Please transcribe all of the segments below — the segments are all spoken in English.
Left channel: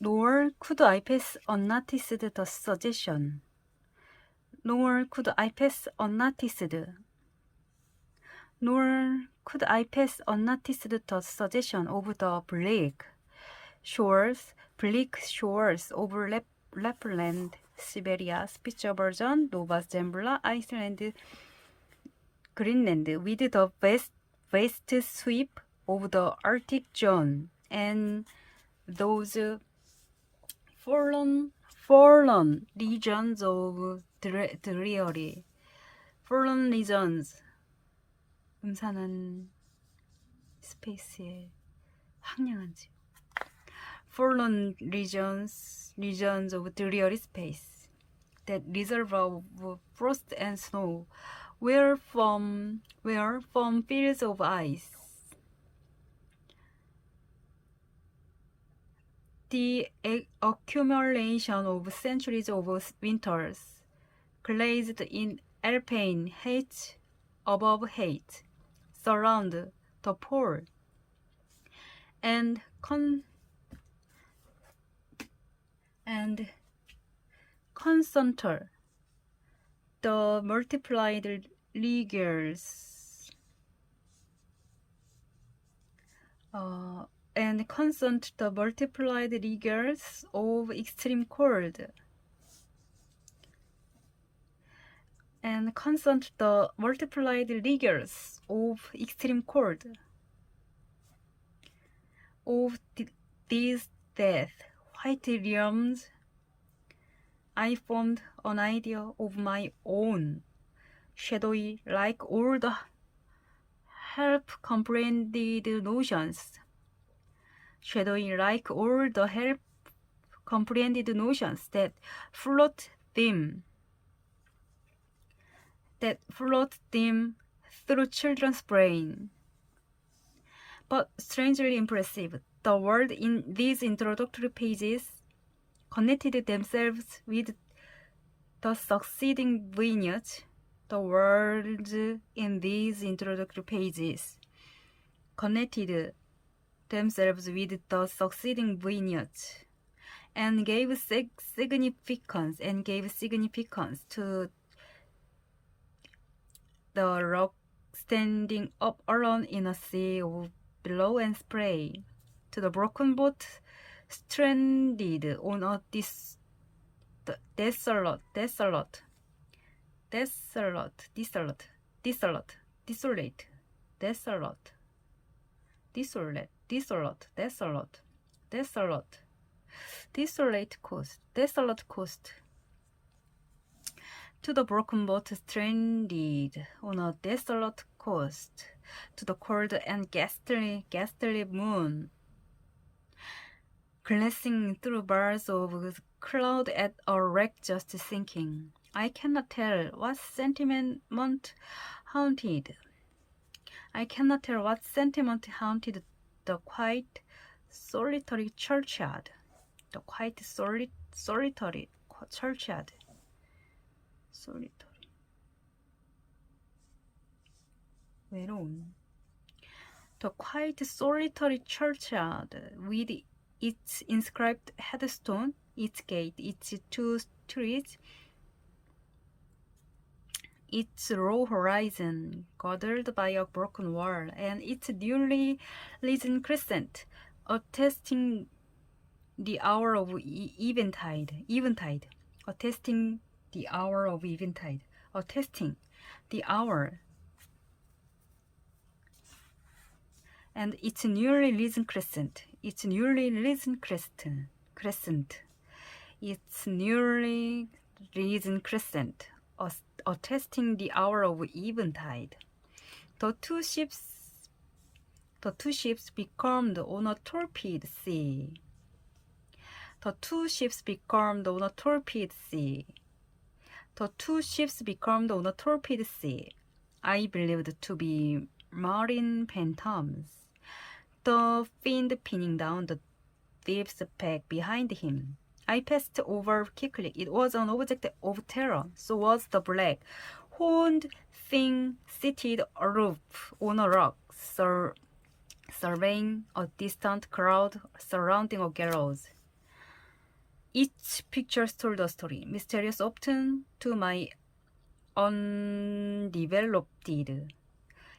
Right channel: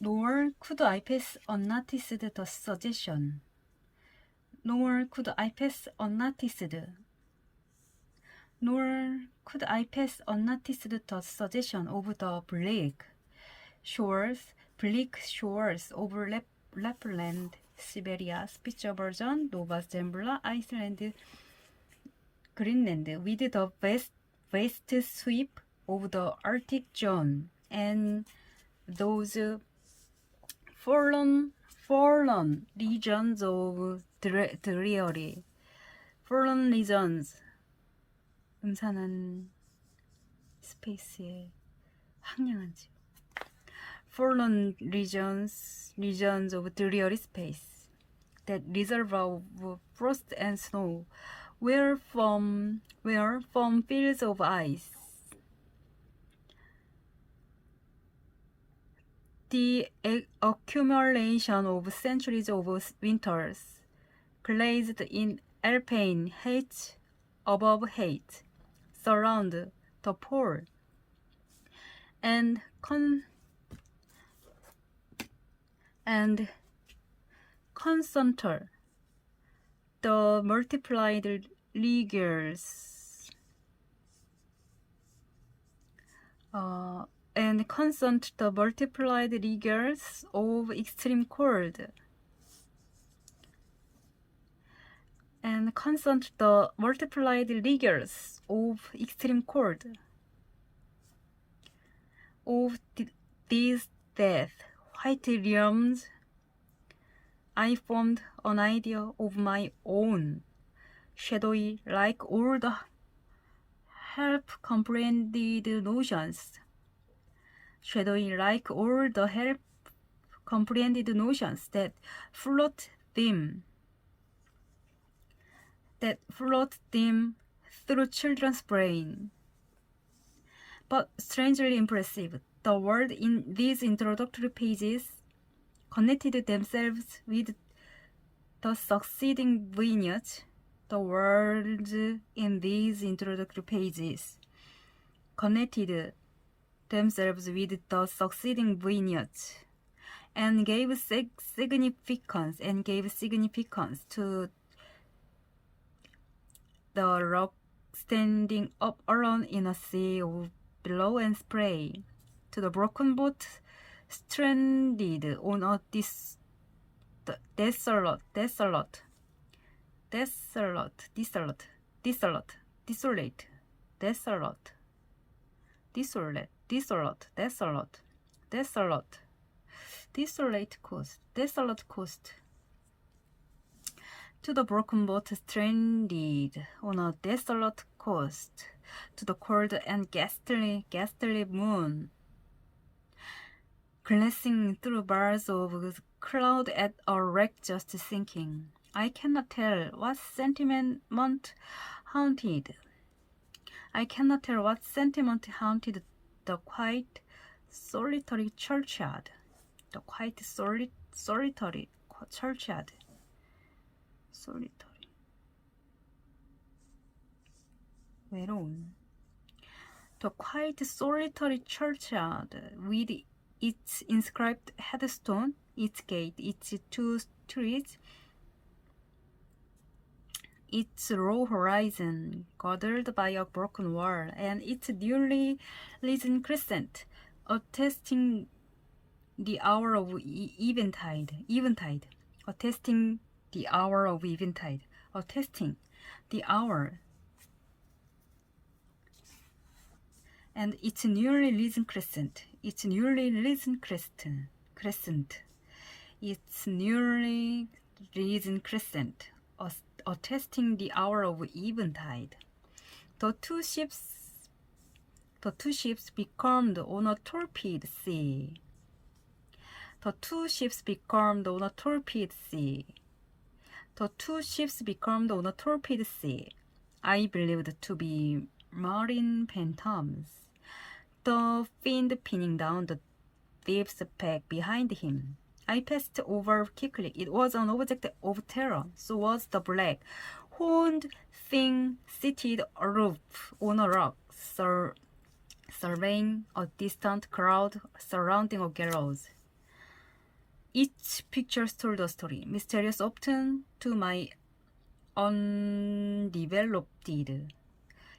Nor could I pass unnoticed the suggestion. Nor could I pass unnoticed. Nor could I pass unnoticed the suggestion of the bleak shores of Lapland, Siberia, Spitsbergen, Nova Zembla, Iceland, Greenland, with the vast sweep of the Arctic zone, and those fallen regions of dreary, fallen regions, 음산한 스페이스의 황량한 지역. Fallen regions of dreary space, that reservoir of frost and snow, where from fields of ice, the accumulation of centuries of winters, glazed in alpine height above height, surround the pole, and concentrate the multiplied rigors of extreme cold, and constant the multiplied rigors of extreme cold of these death white realms. I formed an idea of my own, shadowy like all the half-comprehended notions, that float them through children's brain. But strangely impressive, the words in these introductory pages connected themselves with the succeeding vignettes. The words in these introductory pages connected themselves with the succeeding vignettes and gave significance to the rock standing up alone in a sea of billow and spray, to the broken boat stranded on a desolate coast, to the broken boat stranded on a desolate coast, to the cold and ghastly moon, glancing through bars of cloud at a wreck just sinking. I cannot tell what sentiment haunted the quiet, solitary churchyard. 외로운. The quiet, solitary churchyard with its inscribed headstone, its gate, its 2 streets, its low horizon guarded by a broken wall, and its newly risen crescent, attesting the hour of eventide, attesting the hour, and its newly risen crescent, attesting the hour of eventide. The two ships becalmed on a torpid sea. I believed to be marine phantoms, the fiend pinning down the thief's back behind him. I passed over quickly. It was an object of terror. So was the black, horned thing seated aloof on a rock, surveying a distant crowd surrounding a gallows. Each picture told a story, mysterious often to my undeveloped.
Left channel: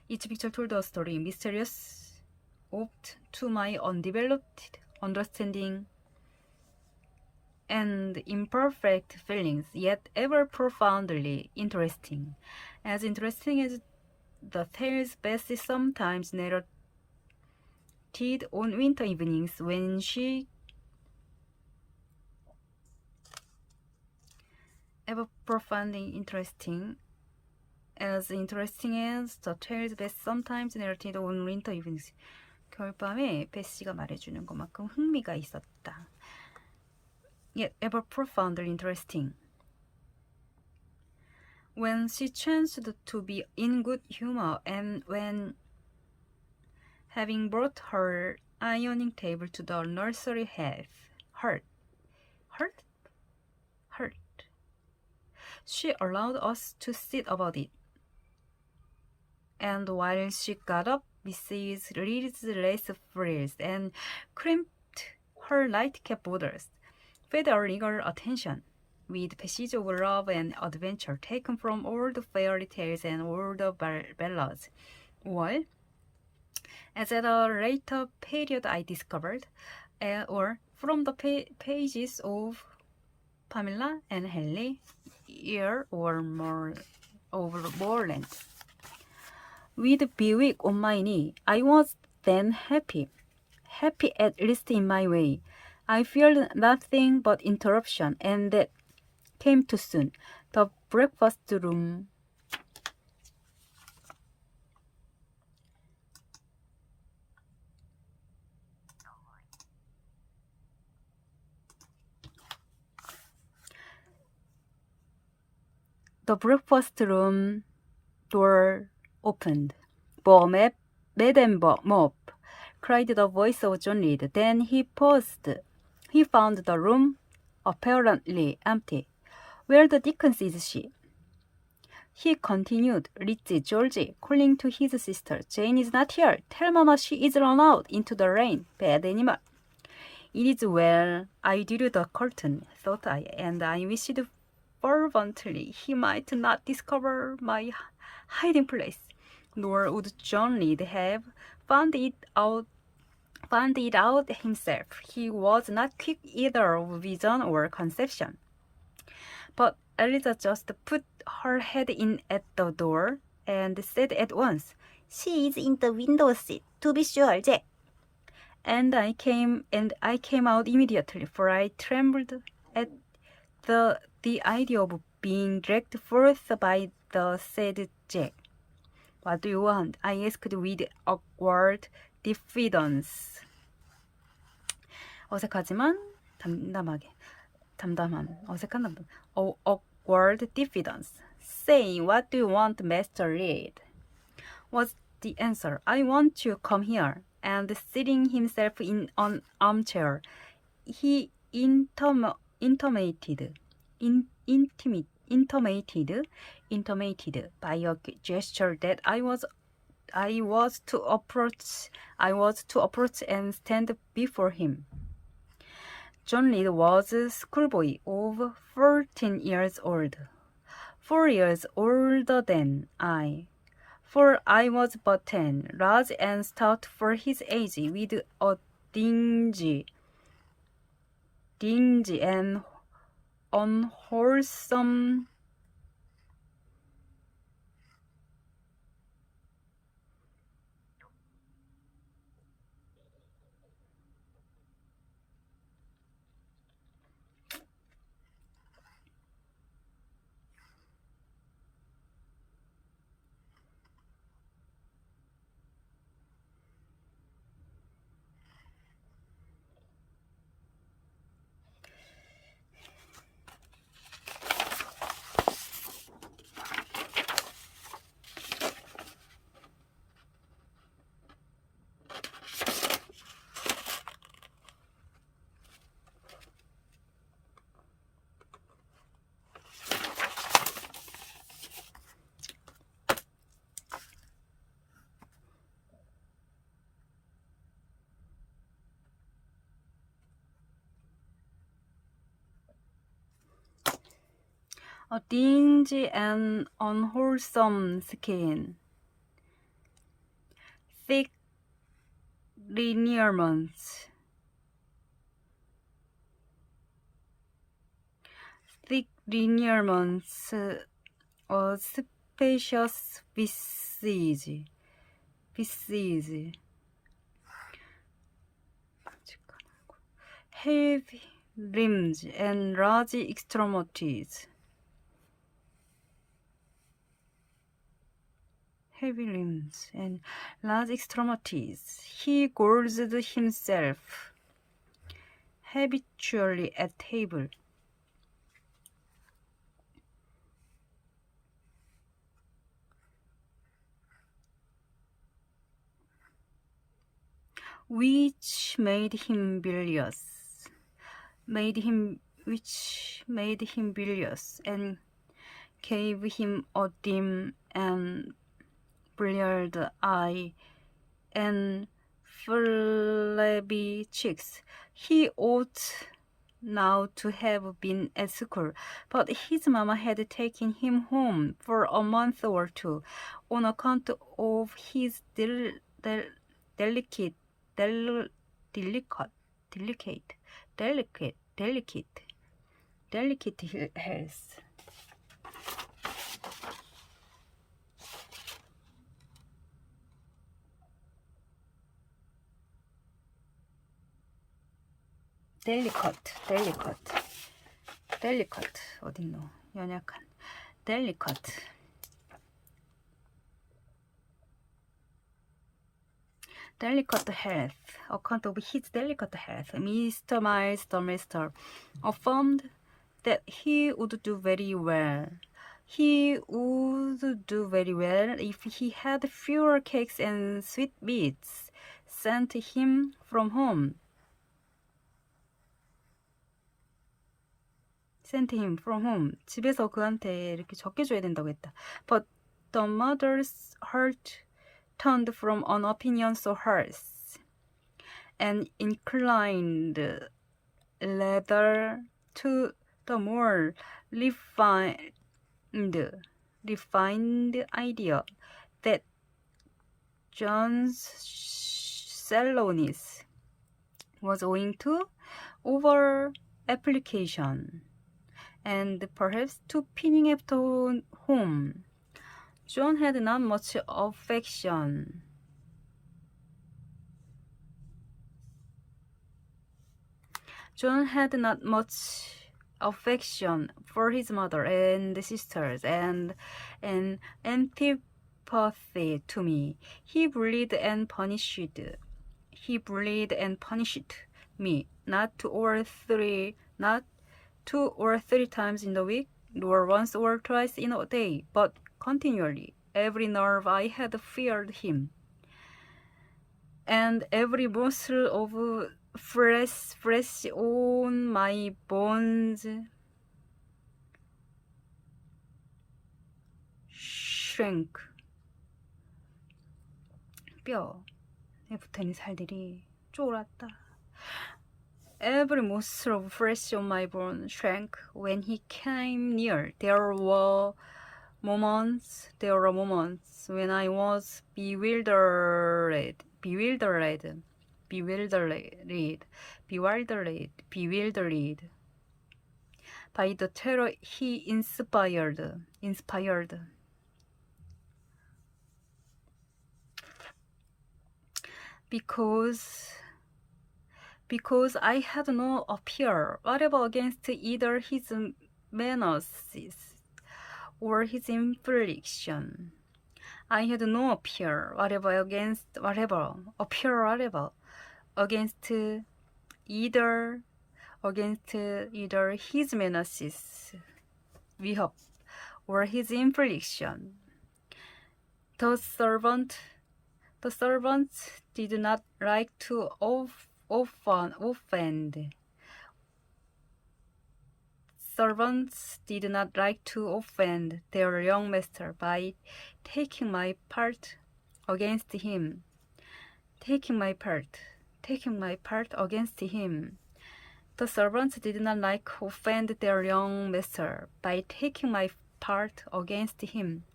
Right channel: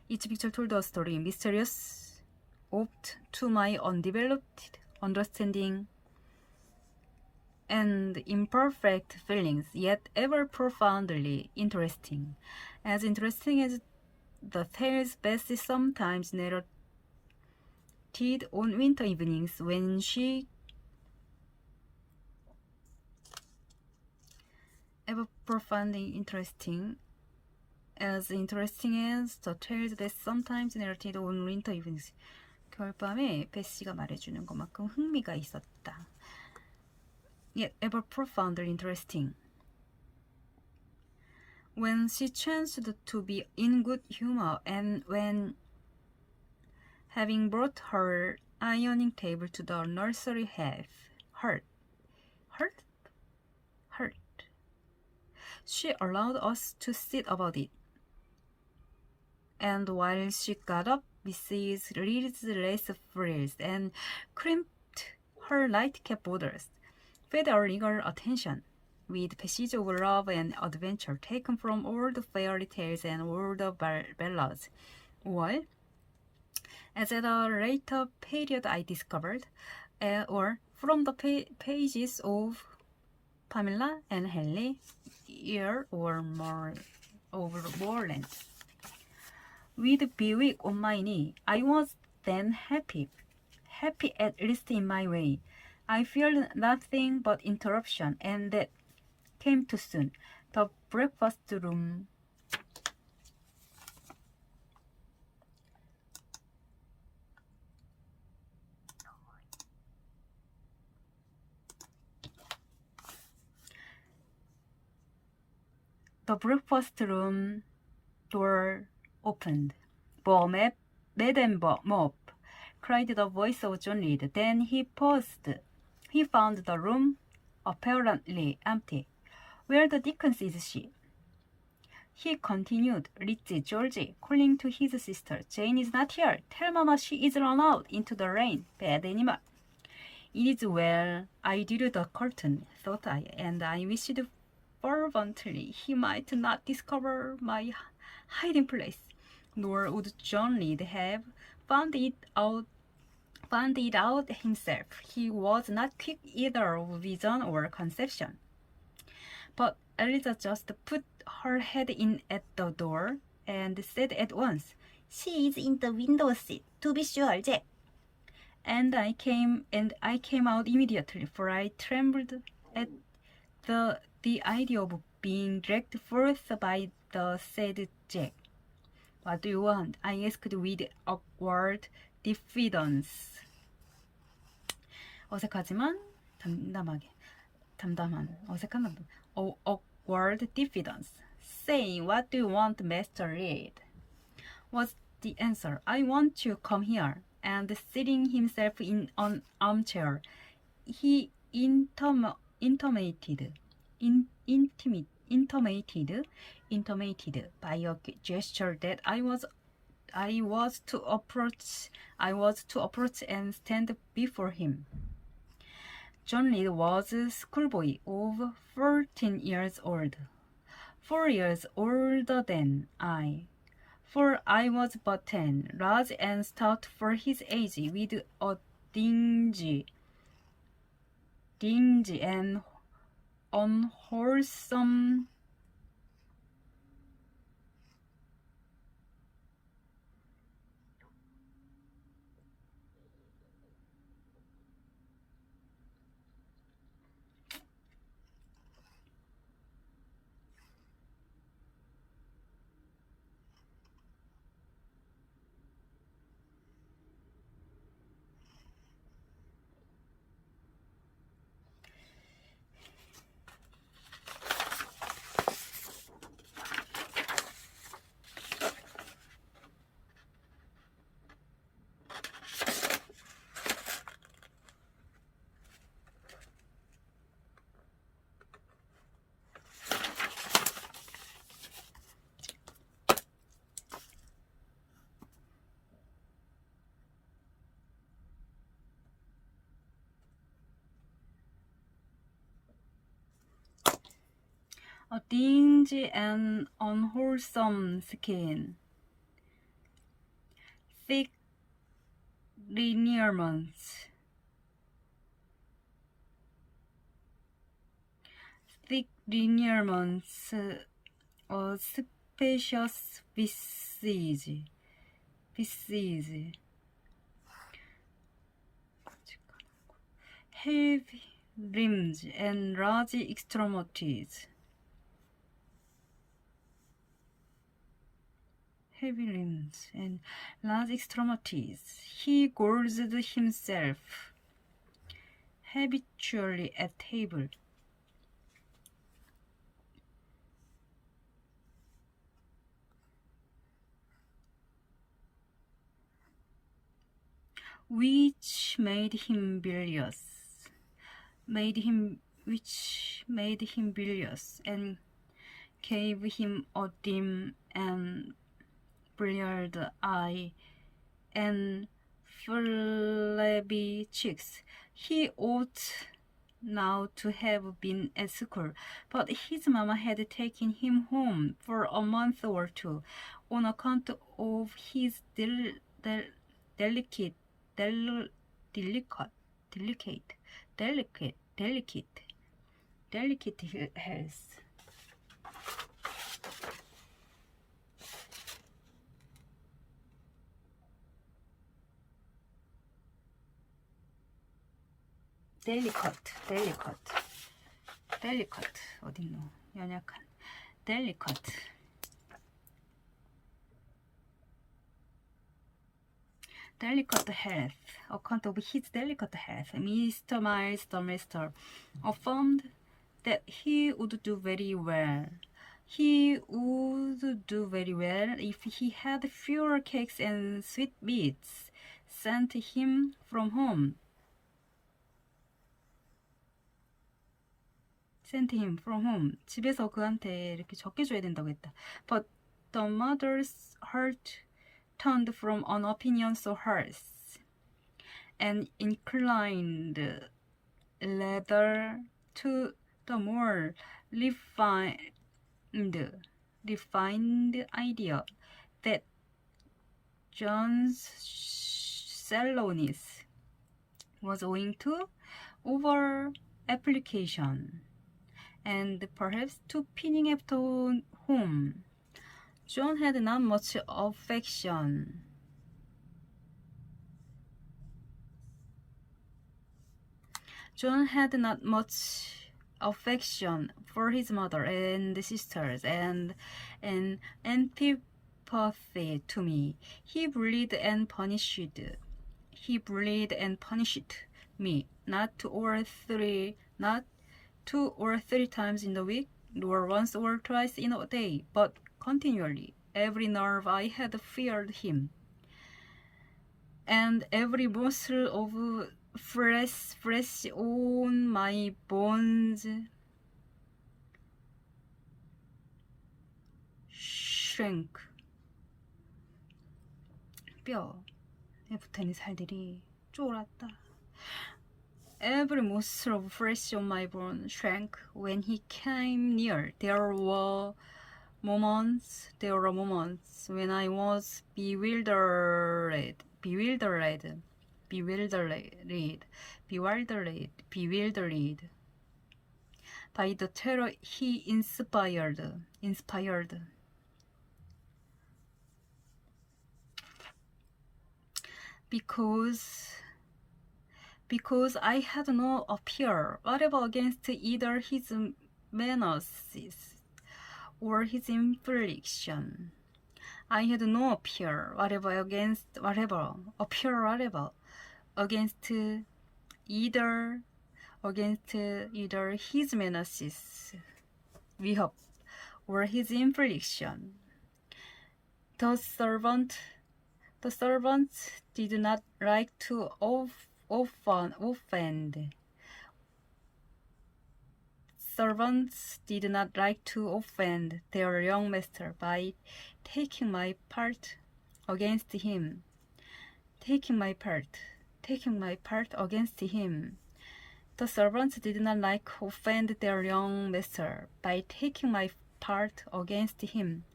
Each picture told a story, mysterious oft to my undeveloped understanding and imperfect feelings, yet ever profoundly interesting. As interesting as the tales Bessie sometimes narrated on winter evenings when she ever profoundly interesting as the tales Bessie sometimes narrated on winter evenings. 겨울밤에 베시가 말해주는 것만큼 흥미가 있었다. Yet ever profoundly interesting. When she chanced to be in good humor and when, having brought her ironing table to the nursery hurt, she allowed us to sit about it. And while she got up, Mrs. Reed's lace frills and crimped her nightcap borders, fed our eager attention with passages of love and adventure taken from all the fairy tales and all the ballads, or, as at a later period I discovered, or from the pages of Pamela and Henley, or more of Moreland. With Bewick on my knee, I was then happy at least in my way. I feared nothing but interruption, and that came too soon. The breakfast room door opened. Madame Mop, cried the voice of John Reed. Then he paused. He found the room apparently empty. Where the dickens is she? He continued, Lizzie, Georgie, calling to his sister. Jane is not here. Tell Mama she is run out into the rain. Bad animal. It is well. I drew the curtain, thought I, and I wished fervently he might not discover my hiding place, nor would John Reed have found it out himself. He was not quick either of vision or conception. But Eliza just put her head in at the door and said at once, "She is in the window seat, to be sure, Jack." And I came out immediately, for I trembled at the idea of being dragged forth by the said Jack. "What do you want?" I asked with awkward diffidence. 어색하지만 awkward diffidence. "Say, what do you want, Master Reed?" was the answer. "I want to come here." And seating himself in an armchair, he intimated by a gesture that I was to approach and stand before him. John Reed was a schoolboy of 14 years old, 4 years older than I, for I was but 10, large and stout for his age, with a dingy and unwholesome a dingy and unwholesome skin, thick lineaments, a spacious visage, heavy limbs and large extremities. Heavy limbs and large extremities. He gorged himself habitually at table. Which made him bilious, and gave him a dim and bleared eye and flabby cheeks. He ought now to have been at school, but his mamma had taken him home for a month or two on account of his delicate health. delicate 어딨노? 연약한 delicate health. Account of his delicate health, Mr. Miles the Master affirmed that he would do very well. He would do very well if he had fewer cakes and sweetmeats sent him from home. 집에서 그한테 이렇게 적게 줘야 된다고 했다. But the mother's heart turned from an opinion so harsh and inclined rather to the more refined idea that John's sallowness was owing to over application and perhaps to pinning after home. John had not much affection for his mother and sisters and an antipathy to me. He bullied and punished me not two or three times in the week, nor once or twice in a day, but continually. Every nerve I had feared him, and every muscle of flesh on my bones shrank. 뼈에 붙어있는 살들이 쫄았다. Every muscle of flesh on my bones shrank when he came near. There were moments when I was bewildered by the terror he inspired. Because I had no appeal whatever against either his menaces or his infliction. I had no appeal whatever against either his menaces, 위협, or his infliction. The servants did not like to offend. Servants did not like to offend their young master by taking my part against him. The servants did not like to offend their young master by taking my part against him,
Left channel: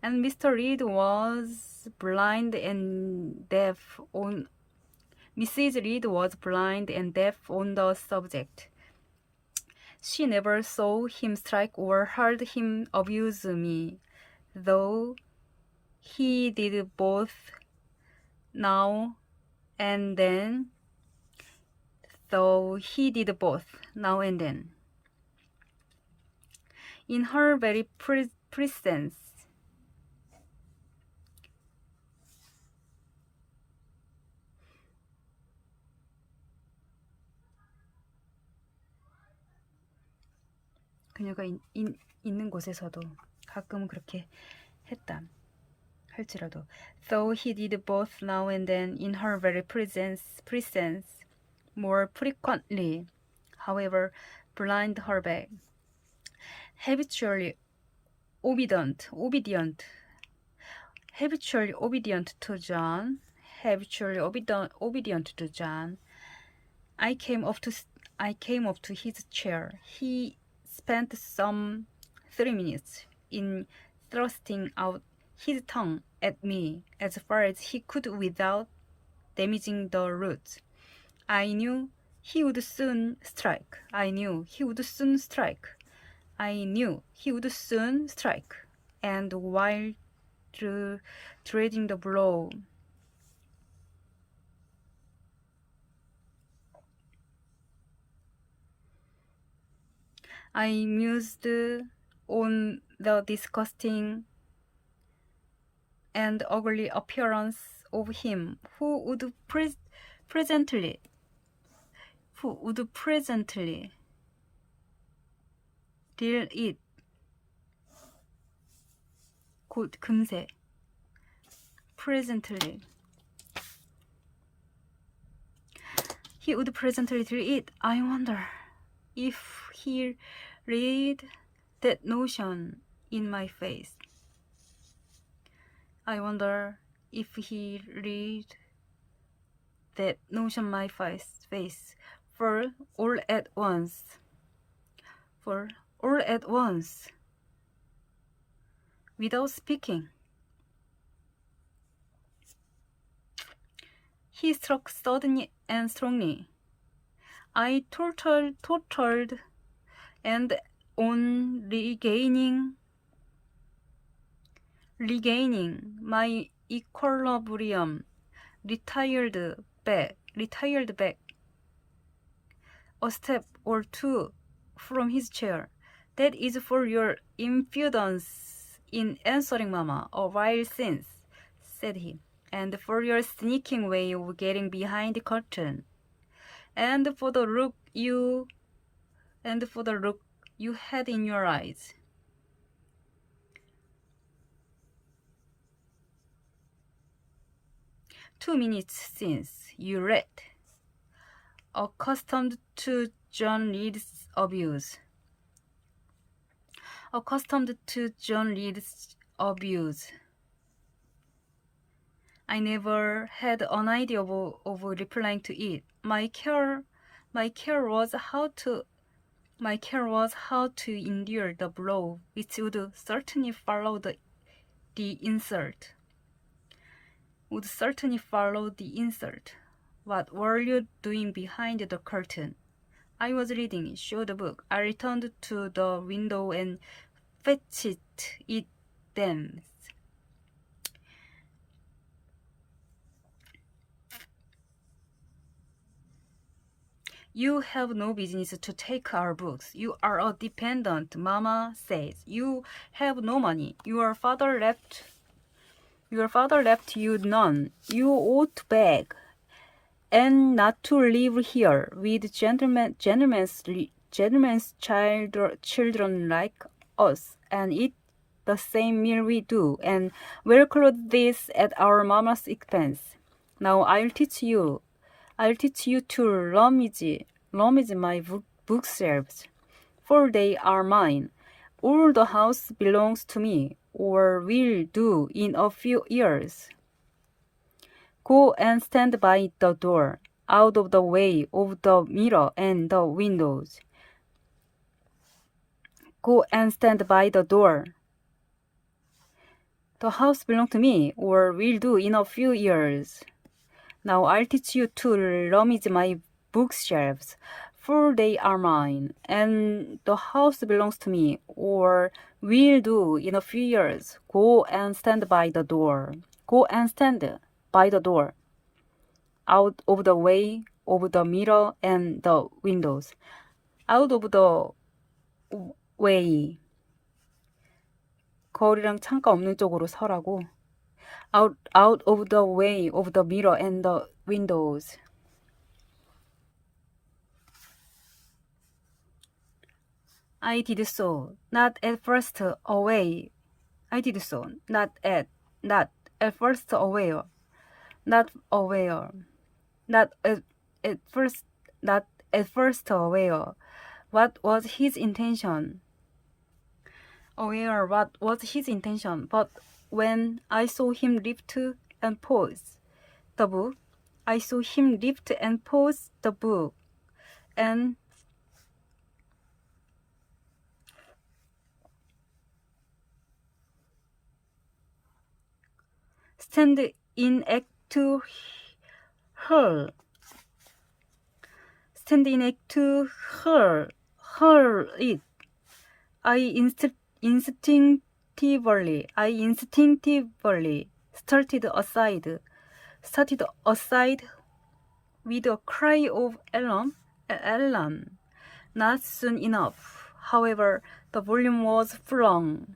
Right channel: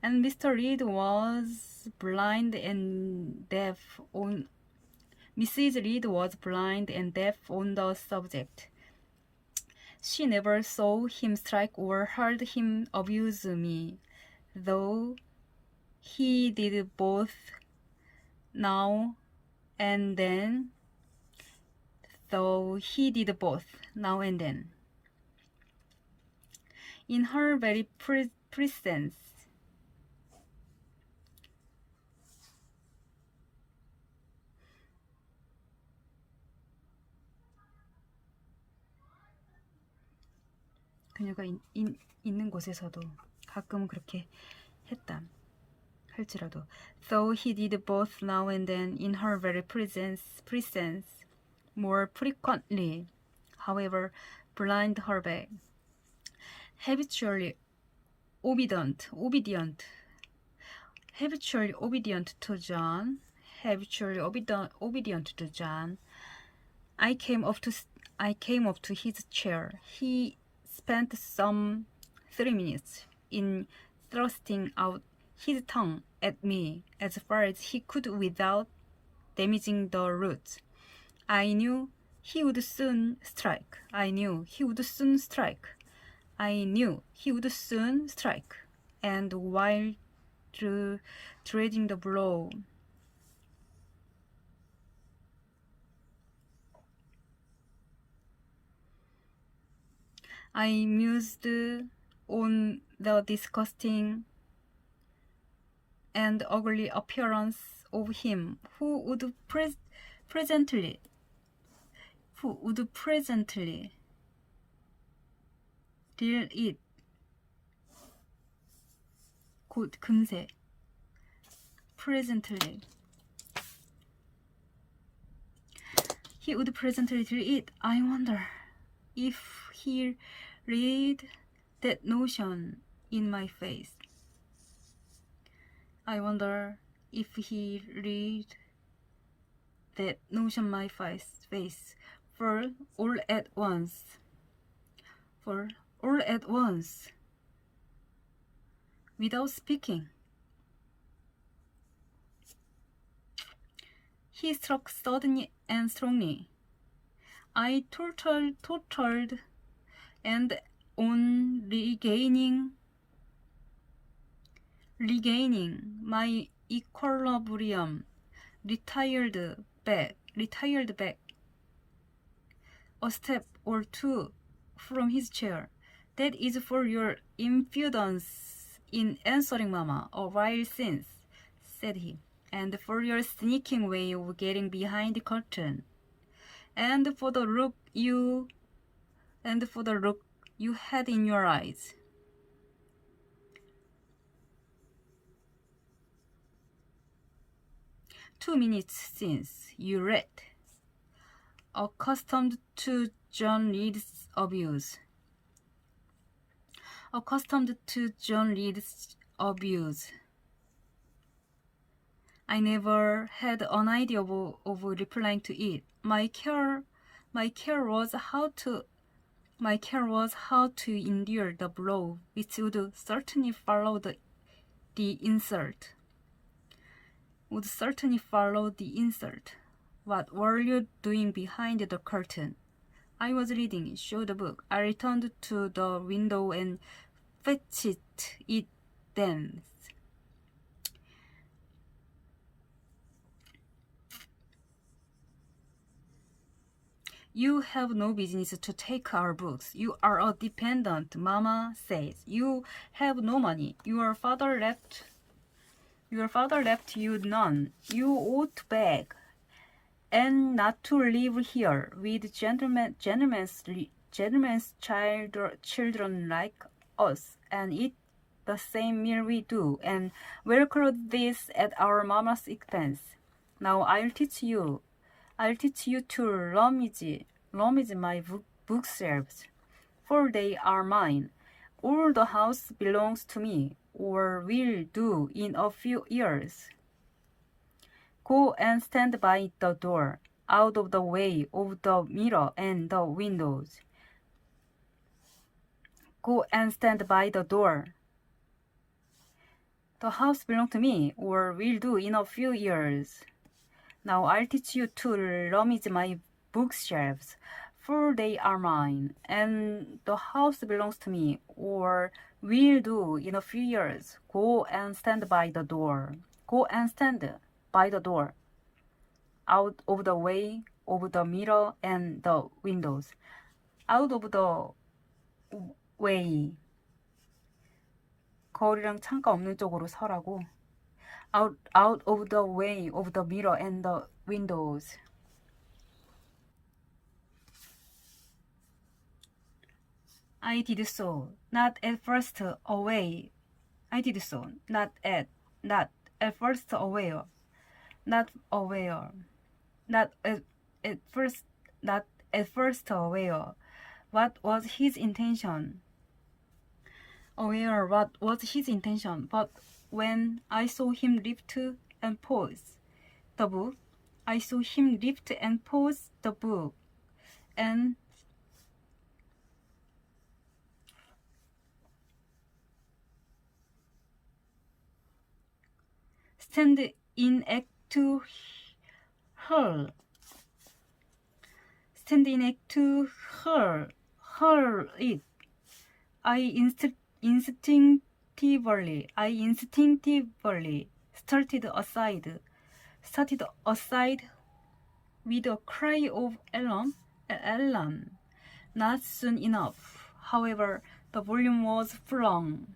and Mr. Reed was blind and deaf on Mrs. Reed was blind and deaf on the subject. She never saw him strike or heard him abuse me, though he did both now and then. In her very presence, 그녀가 있는 곳에서도 가끔은 그렇게 했다 할지라도, though he did both now and then in her very presence more frequently, however, blind her back. Habitually obedient to John, I came up to his chair. He spent some 3 minutes in thrusting out his tongue at me as far as he could without damaging the roots. I knew he would soon strike. And while dreading the blow, I mused on the disgusting and ugly appearance of him who would presently deal it. 곧 금세. He would presently deal it. I wonder if he read that notion in my face. For all at once, without speaking, he struck suddenly and strongly. I tottered, and on regaining my equilibrium, retired back a step or two from his chair. That is for your impudence in answering Mama a while since, said he, and for your sneaking way of getting behind the curtain, and for the look you had in your eyes. "2 minutes since you read, accustomed to John Reed's abuse. I never had an idea of replying to it. My care was how to endure the blow which would certainly follow the insult. What were you doing behind the curtain?" "I was reading," showed the book. I returned to the window and fetched it then. "You have no business to take our books. You are a dependent, Mama says. You have no money. Your father left you none. You ought to beg, and not to live here with gentlemen's children like us, and eat the same meal we do, and wear clothes at our mama's expense. Now I'll teach you to rummage my bookshelves, for they are mine. All the house belongs to me, or will do in a few years. Go and stand by the door. out of the way of the mirror and the windows. Go and stand by the door. The house belongs to me, or will do in a few years. Now I'll teach you to rummage my bookshelves, for they are mine, and the house belongs to me, or will do in a few years. Go and stand by the door. Go and stand by the door. Out of the way of the mirror and the windows. Out of the way. 거울이랑 창가 없는 쪽으로 서라고. Out of the way of the mirror and the windows. I did so, not at first away. I did so, not at first aware. Not aware. Not at first aware. What was his intention? Aware what was his intention, but when I saw him lift and pose the book, I saw him lift and pose the book, and stand in act to hurl. Stand in act to hurl it. I instinctively started aside with a cry of alarm. Not soon enough. However, the volume was flung.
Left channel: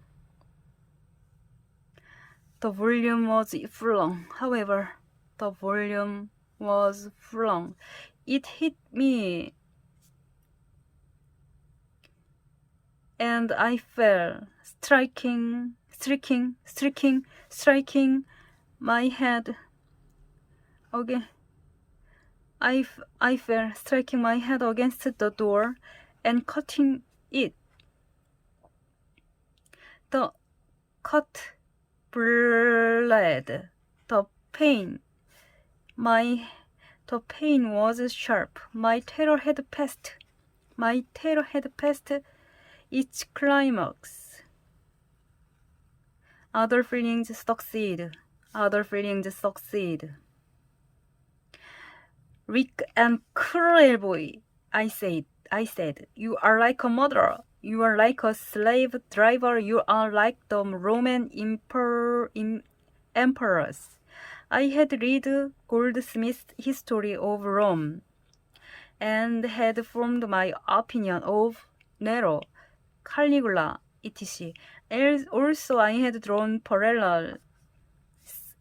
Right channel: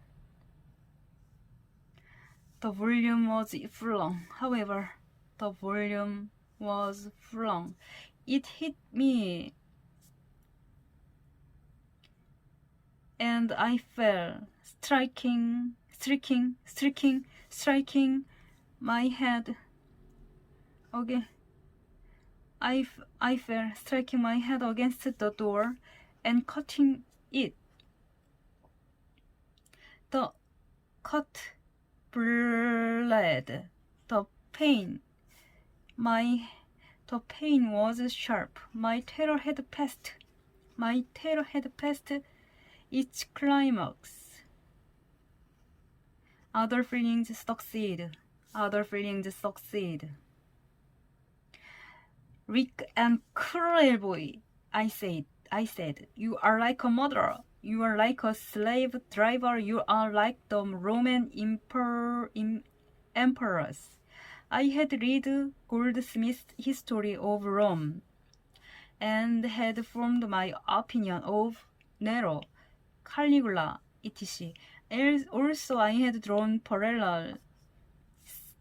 However, the volume was flung. It hit me, and I fell, striking my head. Okay. I fell, striking my head against the door and cutting it. The cut bled. The pain was sharp. My terror had passed its climax. Other feelings succeed. Rick and cruel boy, I said, you are like a murderer. You are like a slave driver. You are like the Roman emperors. I had read Goldsmith's History of Rome and had formed my opinion of Nero, Caligula, etc. Also, I had drawn parallels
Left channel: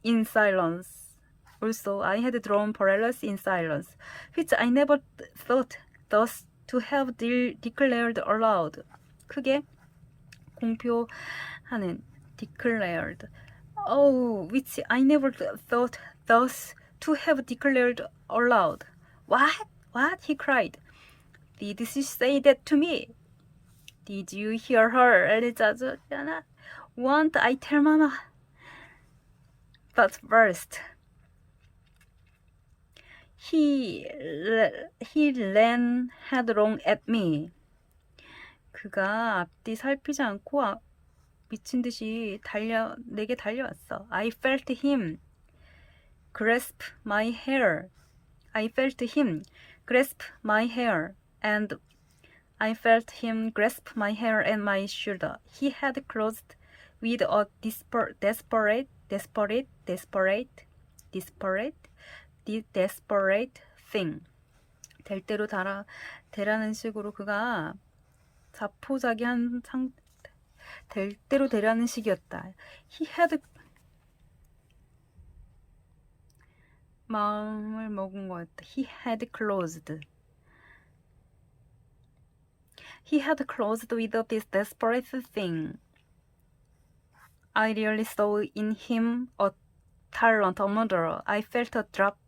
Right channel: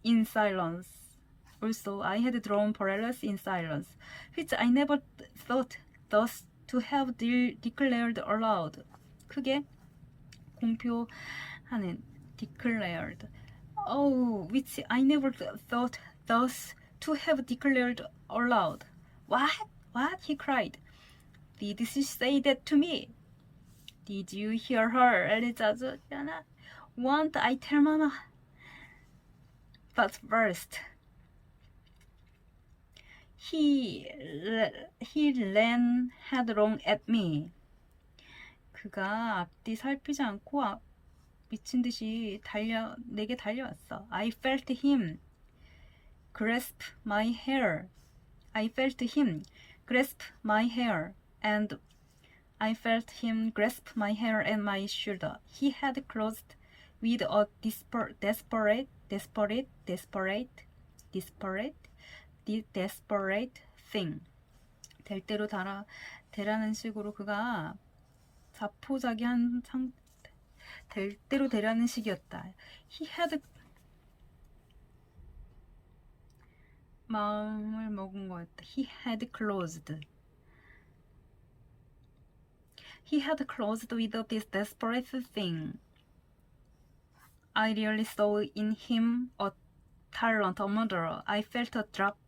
in silence. which I never thought thus to have declared aloud. 크게 공표하는 declared. Oh, which I never thought thus to have declared aloud. What? He cried. Did she say that to me? Did you hear her? 짜증나. Won't I tell Mama? But first, he ran headlong at me. 그가 앞뒤 살피지 않고 미친 듯이 내게 달려왔어. I felt him grasp my hair. And I felt him grasp my hair and my shoulder. He had closed with a desperate thing. 될 대로 되라는 식으로 그가 자포자기한 될 대로 되라는 식이었다. He had 마음을 먹은 거였다. He had closed with this desperate thing. I really saw in him a talent, a murderer. I felt a drop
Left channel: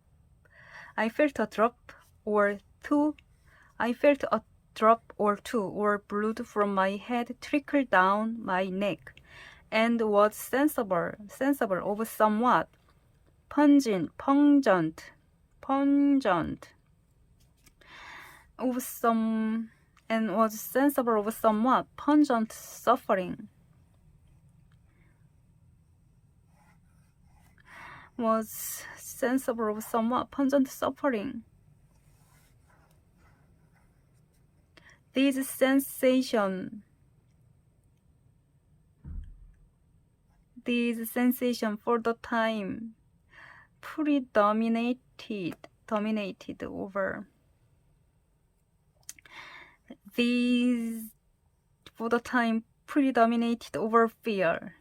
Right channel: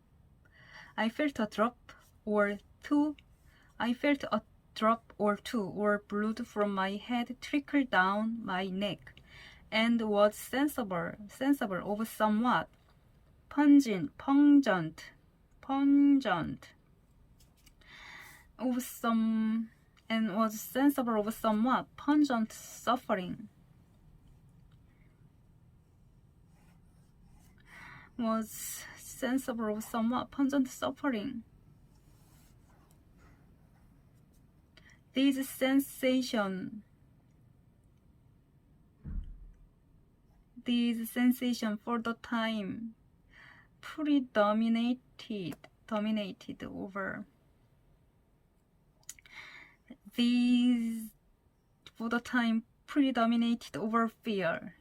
or two, or blood from my head trickle down my neck, and was sensible of somewhat pungent pungent of some and was sensible of somewhat pungent suffering. Was sensible of somewhat pungent suffering. These sensations for the time dominated over. These for the time predominated over fear,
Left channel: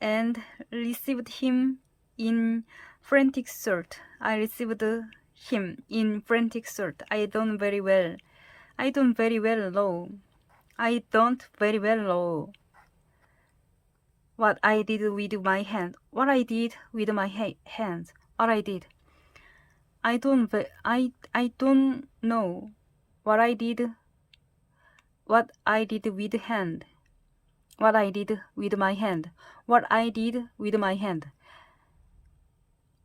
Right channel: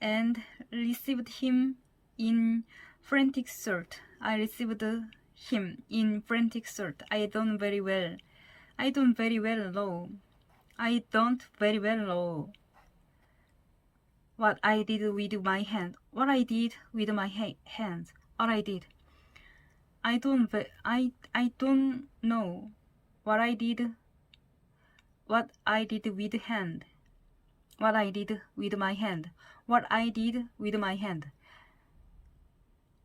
and received him in frantic search. I received him in frantic search. I don't very well know what I did with my hand. What I did with my hands. What I did. I don't know what I did. What I did with hand. What I did with my hand. What I did with my hand.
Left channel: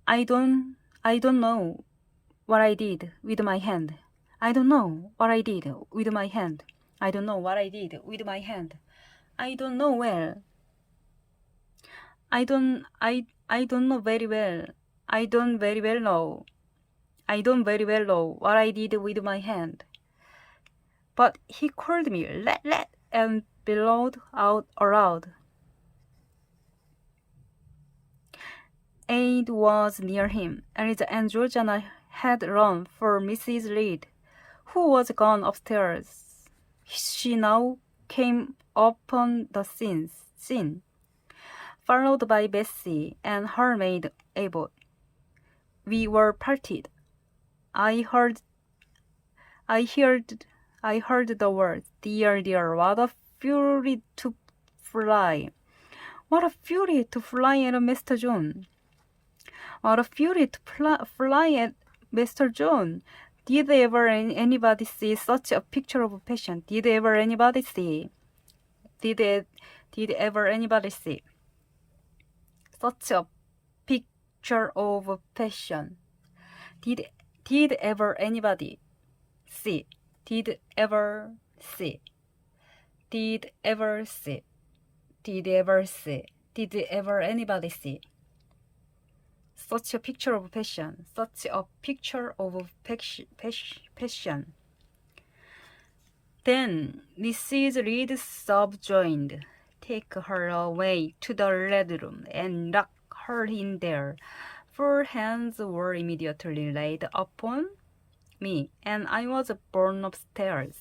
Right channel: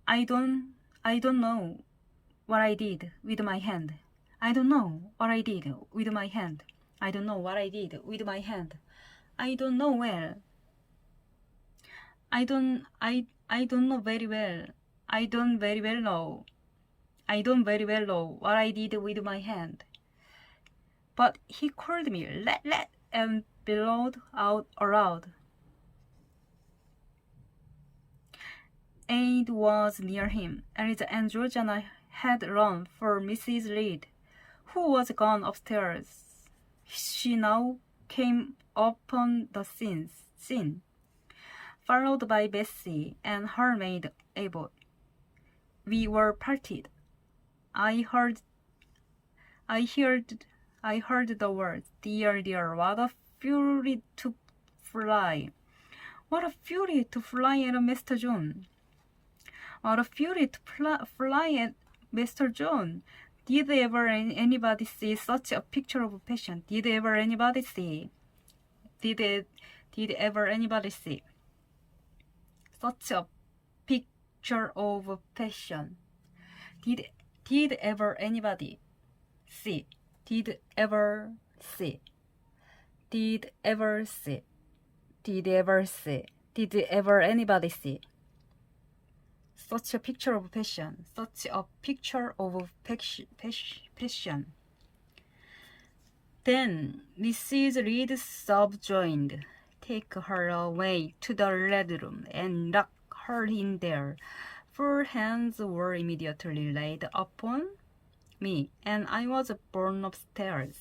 I don't know what I did with my hand. I don't know what I did with my hand. I don't know what I did with my hand. I don't know well. I don't know very well. I don't very well know. I don't very well know what I did with my hand. But he called me, let, and bellowed out aloud. Aid was near him, and Georgiana had run for Mrs. Reed, who was gone upstairs. She now came upon the scene, followed by Bessie and her maid Abbott. We were parted. I heard the words, dear, what a fury to fly. What a fury to fly at Mr. John. What a fury to fly at Mr. John. Did ever anybody see such a picture of passion? Did ever anybody see such a picture of passion? Did ever anybody see? Did ever see? Did ever see? Did ever see? Did ever anybody see? Such a picture of passion. Such a picture of passion. Then Mrs. Reed subjoined, take her away to the red room and lock her in there. 4 hands were immediately laid upon me, and I was borne upstairs.